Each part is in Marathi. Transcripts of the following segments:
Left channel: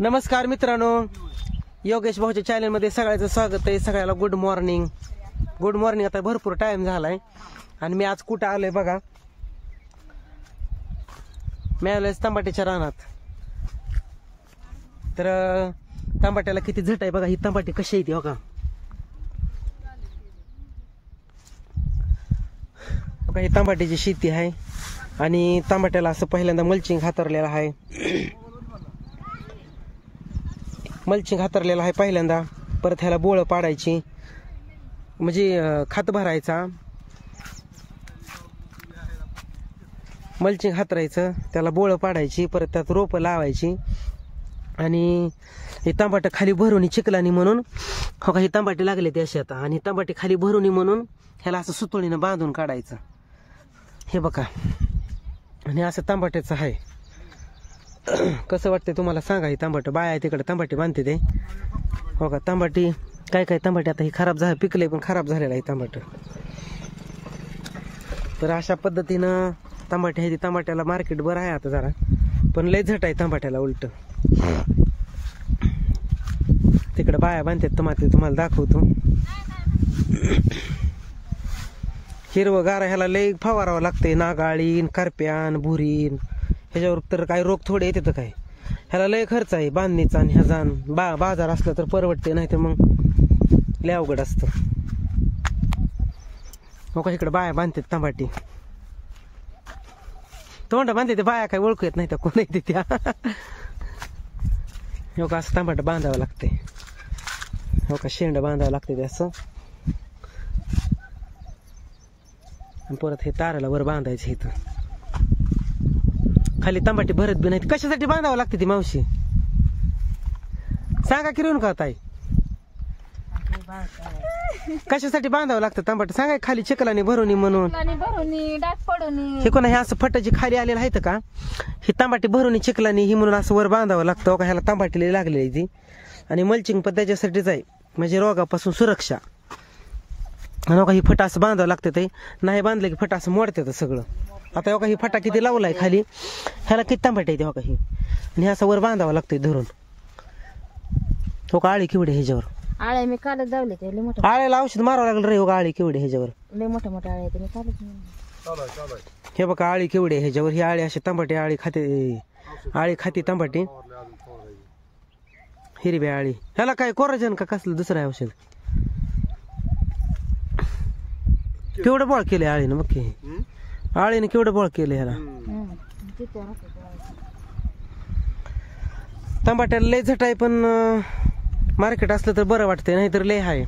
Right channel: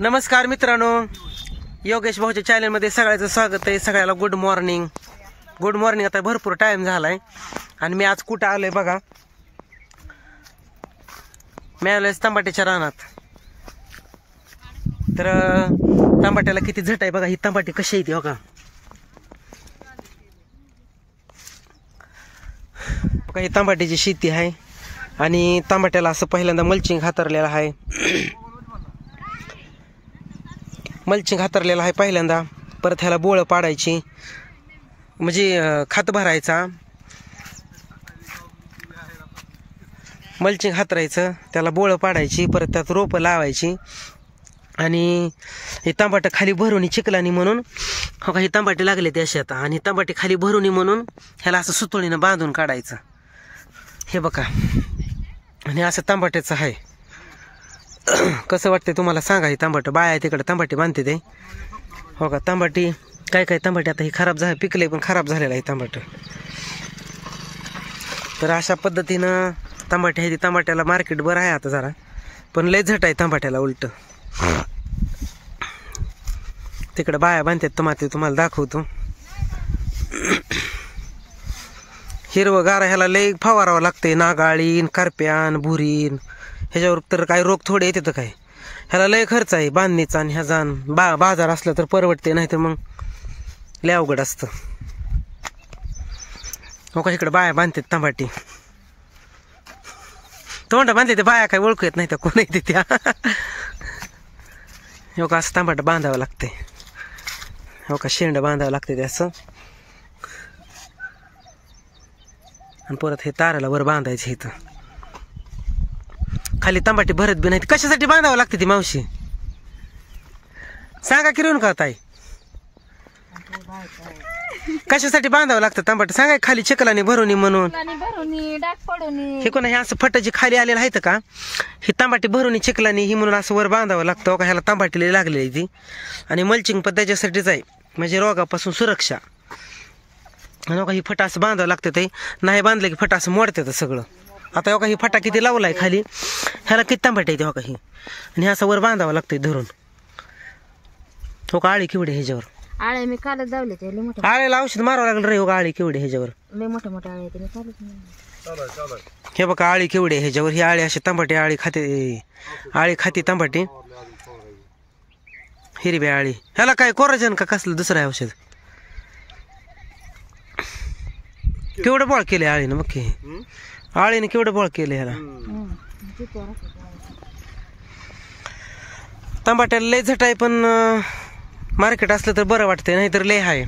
नमस्कार मित्रांनो, योगेश भाऊच्या चॅनलमध्ये सगळ्याचं स्वागत आहे. सगळ्याला गुड मॉर्निंग. Good morning. आता भरपूर टाइम झालाय आणि मी आज कुठं आलोय बघा, मी आलोय तंबाट्याच्या रानात. तर तंबाट्याला किती झट आहे बघा. ही तंबाटी कशी येते बघा. ही तंबाट्याची शेती आहे आणि तंबाट्याला असं पहिल्यांदा मल्चिंग हातरलेलं आहे. मल्चिंग हातरलेलं आहे पहिल्यांदा. परत ह्याला बोळं पाडायची, म्हणजे खत भरायचा, मल्चिंग हातरायचं, त्याला बोळं पाडायची, परत त्यात रोपं लावायची. आणि हे तांबाटे खाली भरून चिखलानी म्हणून हो का, हे तांबाटे लागले ते असे आता. आणि तांबाटे खाली भरून म्हणून ह्याला असं सुतळीनं बांधून काढायचं. हे बघा, आणि असं तांबाट्याचं आहे. कसं वाटते तुम्हाला सांगा. ही तांबाटं बाया तिकडे तांबाटी बांधते ते हो का. तांबाटी काय काय तांबाटी आता ही खराब झालं, पिकले पण खराब झालेलं आहे तांबाटं. तर अशा पद्धतीनं तांबाटी आहे. ती तांबाट्याला मार्केट बरं आहे आता जरा, पण लय झट आहे तांबाट्याला उलट. तिकडे बाया बांधतात तुम्हाला दाखवतो. हिरवं गारा ह्याला लय फवारावं लागते. नागाळीन, करप्यान, भुरीन, ह्याच्यावर तर काय रोग थोडे येते तर काय. ह्याला लय खर्च आहे बांधणीचा. आणि ह्याचा बाजार असला तर परवडते, नाही तर मग लय अवघड असतं हो का. इकडे बाया बांधतात तांबाटी. तोंड बांधले ते बाया काय ओळखू येत नाही तर कोण येते त्या हो का. असं तांबाट बांधावं लागते हो का. शेंड बांधावं लागते ते असं. आणि परत हे ताराला वर बांधायचं. इथं खाली तांबाटी भरत बी नाही. कशासाठी बांधावं लागते ती मावशी सांगा की रेणू का ताई. कशासाठी बांधावं लागतं तांबाटी सांगा. खाली चिखलाने भरून म्हणून हे कोणा हे असं फटाची खाली आलेलं आहे का. ही तांबाटी भरून चिखलाने ही म्हणून असं वर बांधावं लागतं का. ह्याला तांबाटीला लागलेली ती. आणि मल्चिंग पण त्याच्यासाठीच आहे, म्हणजे रोगापासून सुरक्षा. आणि ही फटा असं बांधावं लागतं. ते नाही बांधलं की फटा असं मोडतं सगळं. आता हो का ही फटा किती लावलाय खाली, ह्याला किती तांबाटी येते हो का ही. आणि असं वर बांधावं लागतंय धरून हो का. आळी केवढे ह्याच्यावर. आळे मी कालच जावले ते आळ्याला औषध मारावं लागलं रे हो का. आळी केवढे ह्याच्यावर लय मोठे मोठे आळे ते कालच. हे बघा आळी केवढे ह्याच्यावर. ही आळी अशी तांबाटी आळी खाती तांबाटी. हिरवी आळी. ह्याला काय कोराजन का कसलं दुसरं आहे औषध. केवढं बळ केलंय आळीनं बघ की. आळीने केवढं बळ केलं ह्याला. तांबाट्याला लय झट आहे, पण मार्केट असलं तर बरं वाटतंय, नाही तर लय आहे.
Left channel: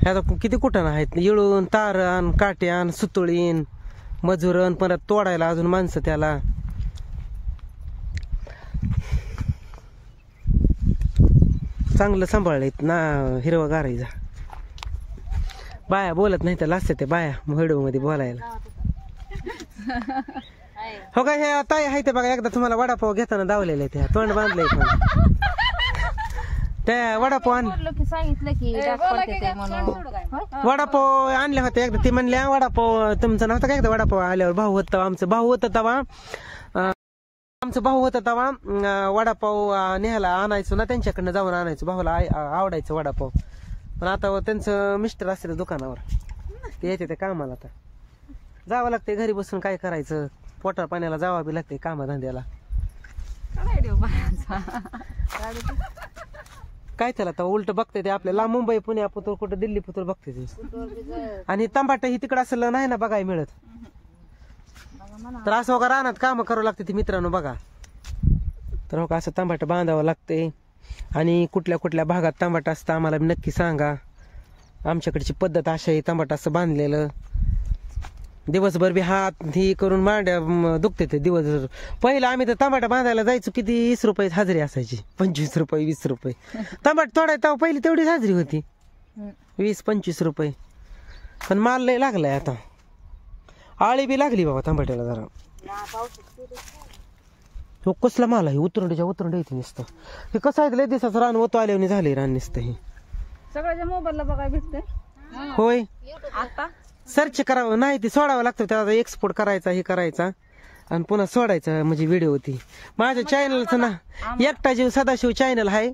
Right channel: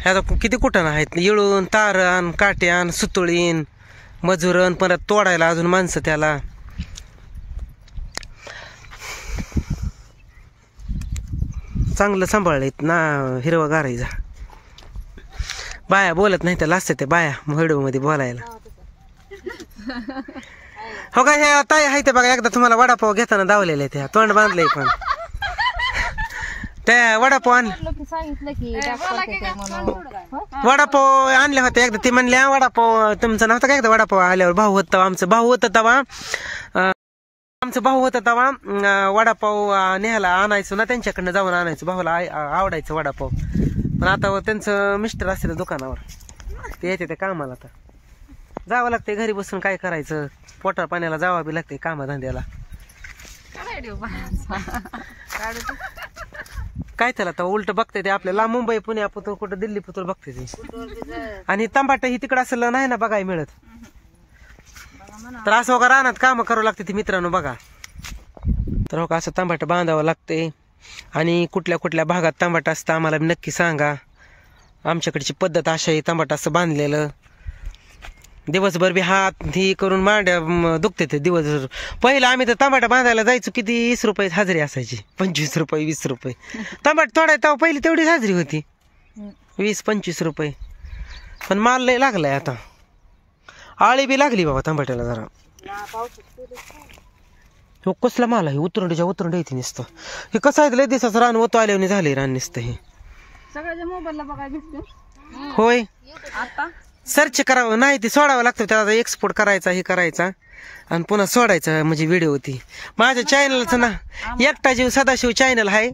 ह्याचा किती कुठं आहेत. येळून, तारण, काट्यान, सुतळीन, मजुरन, परत तोडायला अजून माणसं त्याला. चांगलं सांभाळलेत ना. हिरवा गारायचा. बाया बोलत नाही त्याला असते ते बाया व्हिडिओ मध्ये बोलायला हो का. हे ताई आहे ते बघा. एकदा तुम्हाला वडापाव घेताना दावलेले त्या तोंड बांधलंय. पण त्या वडापाव वडापाव आणले होते एकदा. ते म्हणल्या वडापाव तुमचा नव्हता का एकदा वडापाव आल्यावर. भाऊ होता आमचं, भाऊ होता तवा आमचं भाऊ होता तवा वडापाव न्यायला आणायचो ना, त्यांच्याकडनं जाऊन आणायचो. भाऊला आवडायचं वडापाव. पण आता त्यांचं मिस्टर असते दुकानावर, ते येते त्या कामाला. आता जावं लागते घरी बसून काय करायचं. पोटा पाण्याला जावं बी लागते कामाधंद्याला. काय त्याला तर उलट बघते ते आपल्याला. मुंबई पुणे पुतूर कुठं दिल्ली पुतूर बघते ते. आणि तांबाट ही तिकडं असं नाही ना बघायला मिळत. तर असं हो का रानात काम करावं लागते ती मित्रांनो बघा. तर हो का असं तांबाट बांधावं लागते. आणि कुठल्या कुठल्या भागात तांबाट असतं आम्हाला नक्की सांगा. आमच्याकडची पद्धत अशा आहे, तांबाट असं बांधलेलं. दिवसभर बी हात ही करून मांड्या दुखते ते दिवसभर. पहिलं आम्ही तर तांबाटा बांधायला जायचो, किती 20 रुपये हजेरी असायची. 25 रुपये 20 रुपये तांबाट तोडायला पहिली तेवढीच हजेरी होती, 20-25 रुपये. पण माल लय लागलाय आता. आळी बी लागली बाबा तांबाट्याला जरा. हो कसला माल आहे. उतरंडीच्या उतरंडी येते नुसतं. हे कसं आहे लय दिवसाचं रान होतो आल्याने झाले रान नुसतं. हे सगळ्याच्या मोबाईलला बघायला भेटते होय. आता सर्च करावं नाही, ते सोडावं लागतं त्याला. एक्सपोर्ट करायचा हे करायचा. आणि पुन्हा सोडायचं म्हणजे व्हिडिओ ती. माझ्या चॅनलचं ना एकटा जीव सदाशिव चॅनल आहे,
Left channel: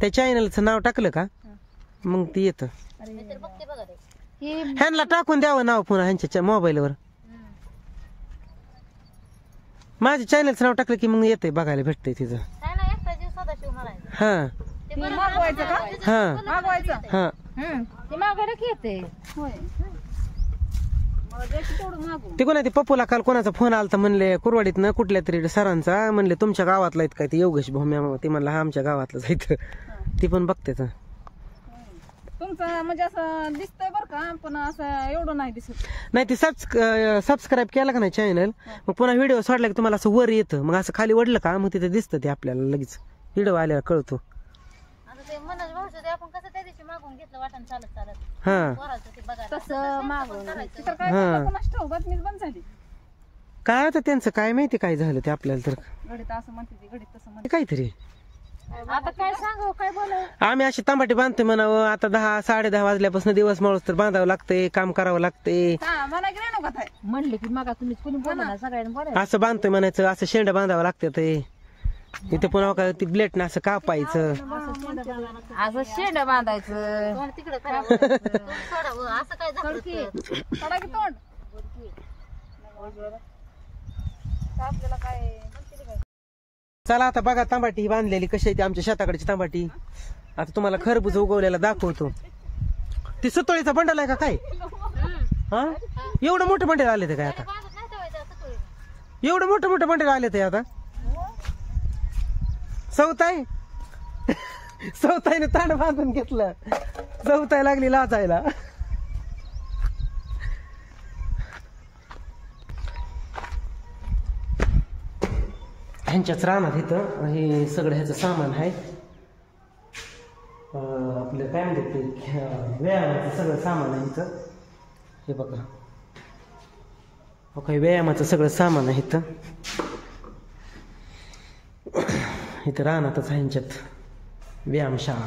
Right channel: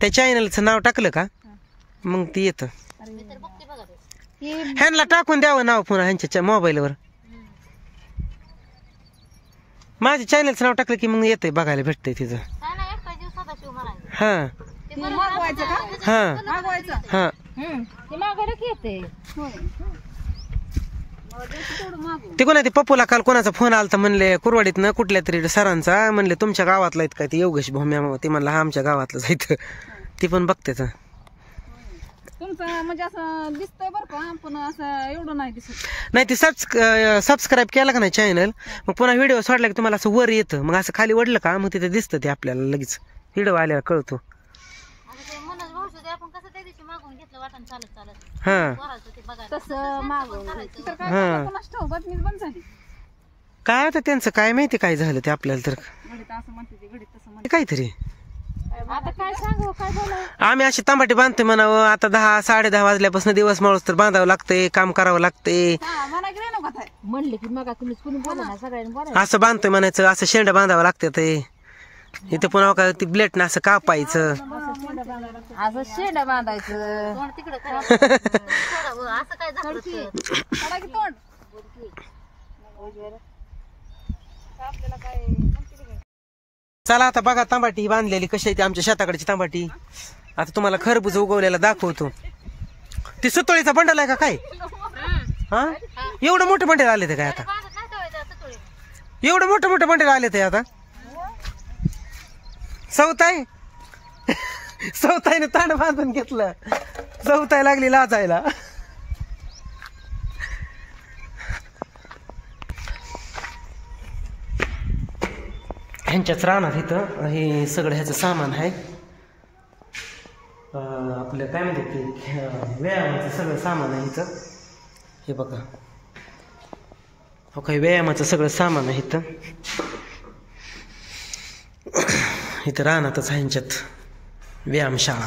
त्या चॅनलचं नाव टाकलं का मग ती येतं. ह्यांना टाकून द्यावं नाव पुन्हा ह्यांच्या मोबाईलवर. माझ्या चॅनलचं नाव टाकलं की मग येतंय, बघायला भेटतंय तिथं. हा हा हा ते कोणा ते पप्पूला काल कोणाचा फोन आलता म्हणले कुरवाडीतनं कुठल्या तरी सरांचा, म्हणले तुमच्या गावातला आहेत काय ते योगेश भूम्या. ते म्हणलं हा आमच्या गावातलं जायचं. ती पण बघते तुमचं म्हणजे असं दिसतंय बरं का, पण असं एवढं नाही दिसत. नाही ते सबस्क्राईब केला का नाही चॅनल, मग पुन्हा व्हिडिओ सोडला की तुम्हाला असं वर येतं, मग असं खाली वडलं का मग तिथे दिसतं ते आपल्याला लगेच व्हिडिओ आल्यावर कळतो. हा काय आता त्यांचं काय माहिती काय झालं ते आपल्याला तर काहीतरी. आता काय सांगू काय बोलावं. आम्ही अशी तांबाटी बांधतोय म्हणावं. आता 10-10:30 वाजल्यापासून दिवस माळूस तर बांधावं लागतंय, काम करावं लागतंय. म्हणले की मग तुम्ही कुणी बोला सगळ्यांनी बोला. असं बांधतोय म्हणायचं, असं शेंड बांधावं लागतं. ते इथं पुन्हा का ती ब्लेटनं असं कापायचं, असं शेंड बांधायचं. चला आता बघा तांबाटी ही बांधलेली कशी आहे ती आमच्या शेताकडची तांबाटी. आता तुम्हाला खरबूज उगवलेला दाखवतो. ती सुतोळीचा बंडल आहे का काय? हा एवढं मोठं बंडल आले ते काय आता? एवढं मोठं बंडल आले ते आता? सवताईने तांड बांधून घेतलं, सवताई लागली लाजायला. ह्यांच्याच रानात इथं हे सगळं ह्याचं सामान आहे. आपलं काय म्हणतात ते व्यायामाचं सगळं सामान आहे इथं. हे बघा हो काही व्यायामाचं सगळं सामान आहे इथं. इथं रानातच आहे ह्यांच्यात व्यायामशाळा.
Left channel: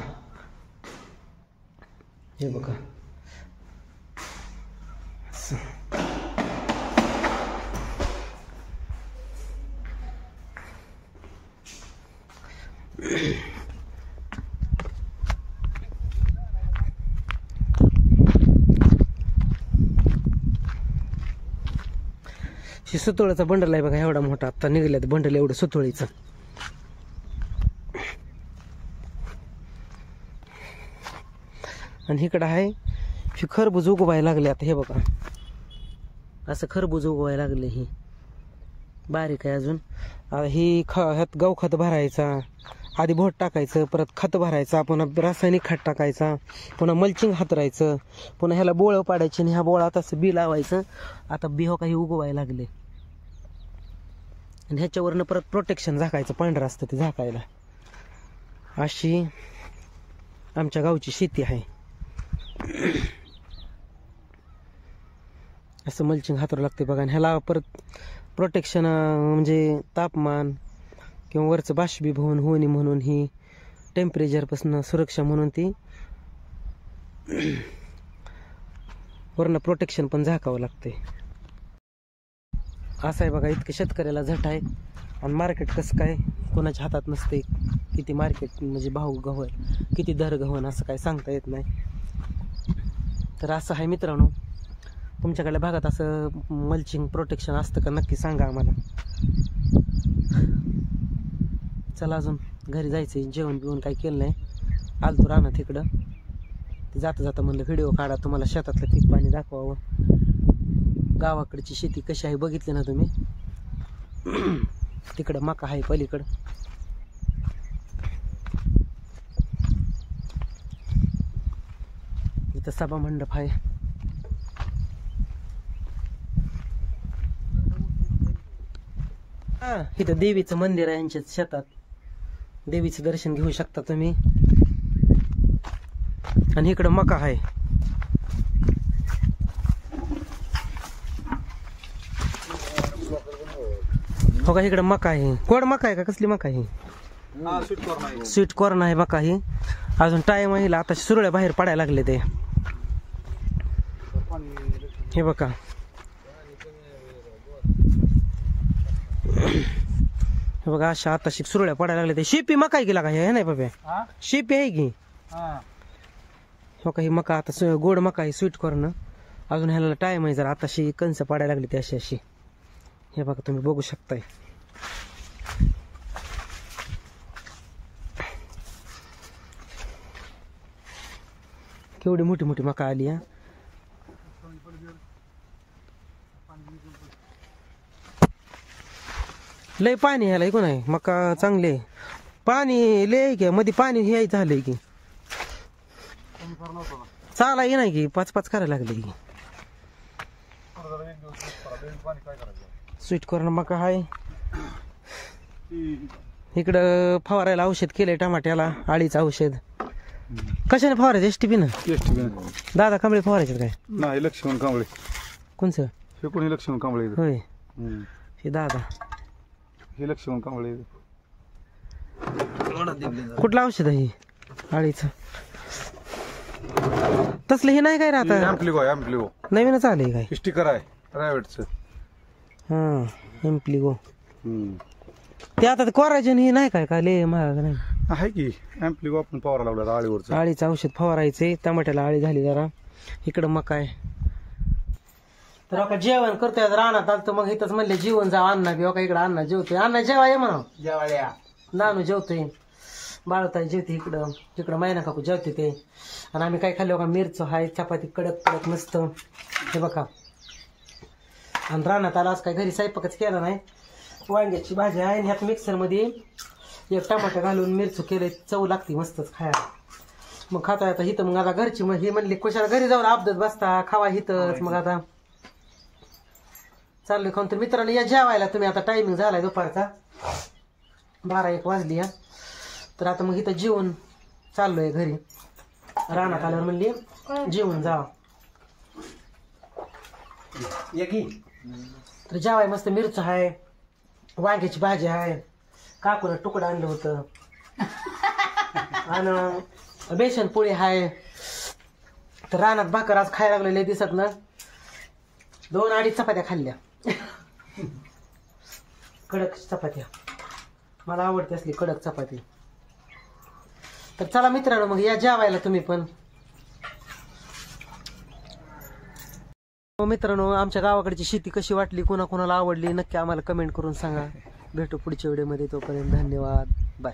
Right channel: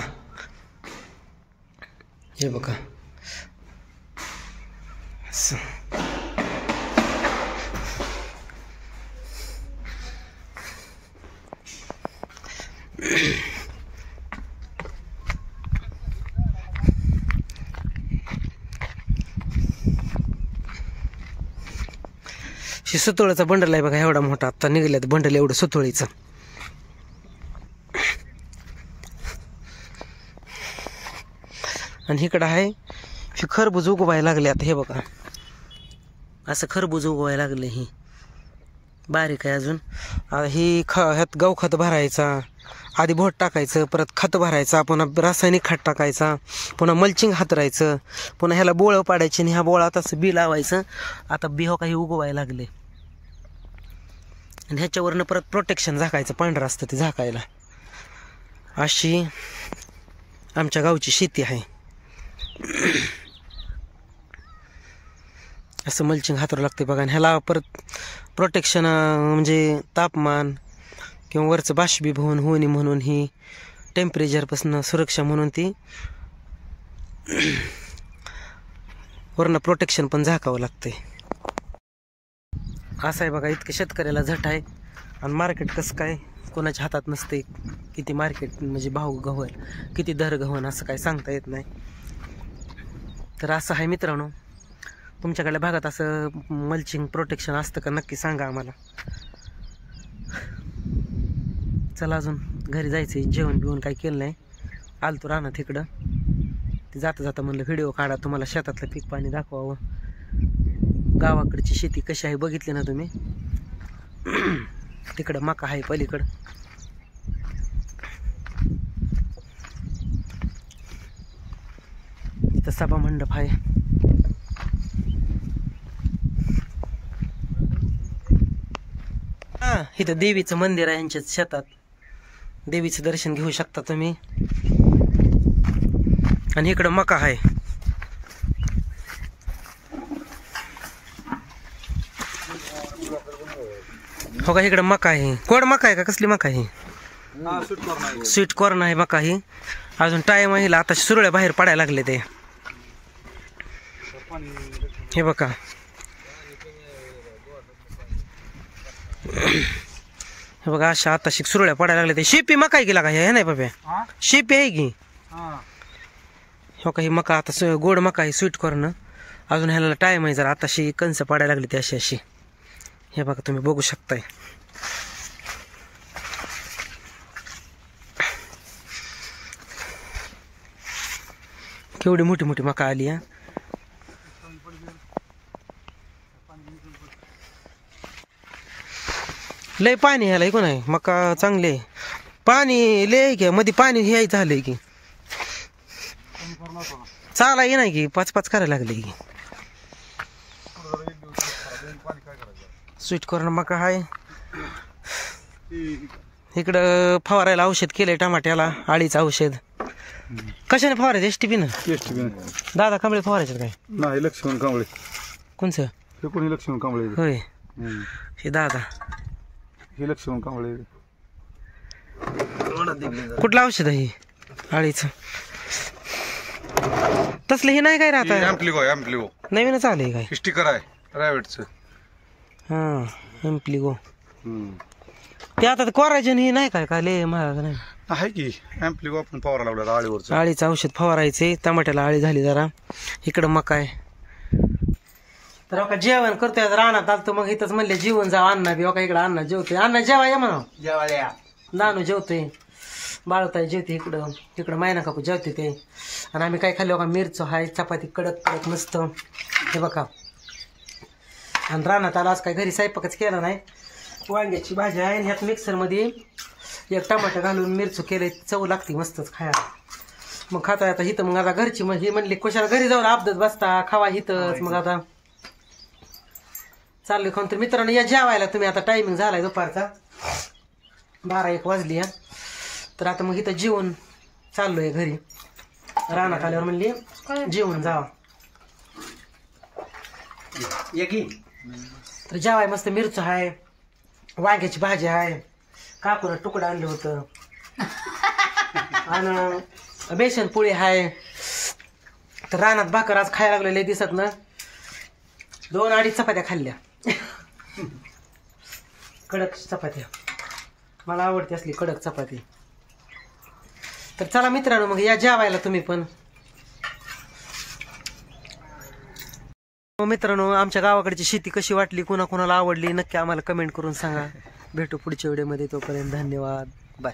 हे बघा असं. हे सुतोळीचं बंडल आहे बघा, एवढा मोठा आता निघाल्यात बंडल एवढं सुतोळीचं. आणि इकडं आहे हे खरबूज उगवायला लागले आता. हे बघा असं खरबूज उगवायला लागले. ही बारीक आहे अजून. ही ह्यात गवखत भरायचा, आधी भोट टाकायचं, परत खत भरायचा, पुन्हा रासायनिक खत टाकायचा, पुन्हा मल्चिंग हातरायचं, पुन्हा ह्याला बोळं पाडायचे आणि ह्या बोळात असं बी लावायचं. आता बी हो काही उगवायला लागले. आणि ह्याच्यावरनं परत प्रोटेक्शन झाकायचं, पांढरं असतं ते झाकायला. अशी आमच्या गावची शेती आहे. असं मल्चिंग हातरू लागते बघा. आणि ह्याला परत प्रोटेक्शन म्हणजे तापमान किंवा वरचं बाष्पीभवन होऊ नये म्हणून ही टेम्परेचरपासून सुरक्षा म्हणून ती वरनं प्रोटेक्शन पण झाकावं लागते. असं आहे बघा. इतकं शेतकऱ्याला झट आहे. आणि मार्केट कसं काय कोणाच्या हातात नसते. किती मार्केट म्हणजे भाव गव्हल, किती दर गव्हन असं काय सांगता येत नाही. तर असं आहे मित्रांनो. तुमच्याकडल्या भागात असं मल्चिंग प्रोटेक्शन असतं का नक्की सांगा आम्हाला. चला अजून घरी जायचं, जेवण बिवण काही केलं नाही. आलतो रानात इकडं. ते जाता जाता म्हणलं व्हिडिओ काढा, तुम्हाला शेतातलं पीक पाणी दाखवावं. गावाकडची शेती कशी आहे बघितली ना तुम्ही. तिकडं मका आहे पलीकडं. इथं सभा मंडप आहे. हा इथं देवीचं मंदिर आहे यांच्या शेतात. देवीचं दर्शन घेऊ शकता तुम्ही. आणि इकडं मका आहे. हो का इकडं मका आहे. कोड मका आहे का कसली मका आहे? स्वीट कॉर्न आहे मका ही. अजून टाइम आहे. आता सुरळ्या बाहेर पडायला लागले ते. हे बघा हे बघा अशा आता सुरळ्या पडायला लागल्या. ते शेपी मका आहे की लागा हे नाही बाबा, शेपी आहे की हो का. ही मका आता गोड मका आहे, स्वीट कॉर्न. अजून ह्याला टाइम आहे जरा. आताशी कणसं पाडायला लागली ती अशी अशी. हे बघा तुम्ही बघू शकताय. केवढी मोठी मोठी मका आली. लय पाणी ह्याला ऐकून आहे. मका चांगले पाणी लय की मध्ये पाणी हे झालंय की चाला ये नाही की 5-5 करायला लागले की. स्वीट कॉर्न मका आहे. इकडं फवारायला औषध केलंय टमाट्याला, आळीचं औषध. कशाने फवारायचं? एसटीपी ना. दादा कांबळे फवारायचे काय? नाही, लक्ष्मण कांबळे. कोणचं? हे कोणी लक्ष्मण कांबळे? होय हे दादा. हे लक्ष्मण कांबळे. कुठलं औषध आहे आळीचं? तसलं हे नाही काय राहत? एम्प्लिगो नवीनच आलंय काय? स्टिकर आहे प्रायव्हेटचं. हा एम्प्लिगो. ते आता कोराजन हे नाही काय? काय लय महाग नाही आहे की एम्प्लिगो. आपण फवारा लावला आळीवरचं. आळीचं औषध फवारायचे. टमाट्याला आळी झाली जरा. इकडं मका आहे. तर का जेवण करतोय रानात आलतो. मग इथंच म्हणले जेवण जाव. अण्णा बी का इकडं अण्णा जेवतोय. अण्णा जेवा या म्हणा. जेवायला नानू जेवतोय, बाळताई जेवते इकडं. तिकडं मायना काकू जेवते ते. आणि आम्ही काय खाल्लो का? मिरचो हाय, चपाती कडक कडक मस्त. हे बघा. आणि रानात आला आज काय घरी स्वयंपाकच केला नाही. वांग्याची भाजी आहे. ह्यात मिक्सरमध्ये एक टमाटर घालून मिरचू केले. चव लागते मस्तच खायला. मग खाता आता हिथं. मग आता घरची मग ही म्हणली कशाला घरी जाऊन अपदत बसता, खावा हिथंच. मग आता चालले खाऊन. तर मित्रांनो या जेवायला तुम्ही. आता टायमिंग झालाय दुपारचा 12-1 वाजली. तर आता मग इथं जेवण चाललोय घरी. रानात आल्यावर म्हणली जेवण जावा. तर जेवाय मस्त मिरचं आहे, वांग्याची भाजी आहे, काकून तुकडं आणलं होतं, आणि बेसन पोळी आहे. तर रानात भाकर आज खायला लागलेले दिसत ना. 2-2.5 चपात्या खाल्ल्या. कडक चपात्या मला आवडते असली कडक चपाती. तर चला मित्रांनो मग या जेवायला तुम्ही पण. मित्रांनो आमच्या गावाकडची शेती कशी वाटली, कोणाकोणाला आवडली नक्की आम्हाला कमेंट करून सांगा. भेटू पुढच्या व्हिडिओमध्ये. तोपर्यंत धन्यवाद. बाय.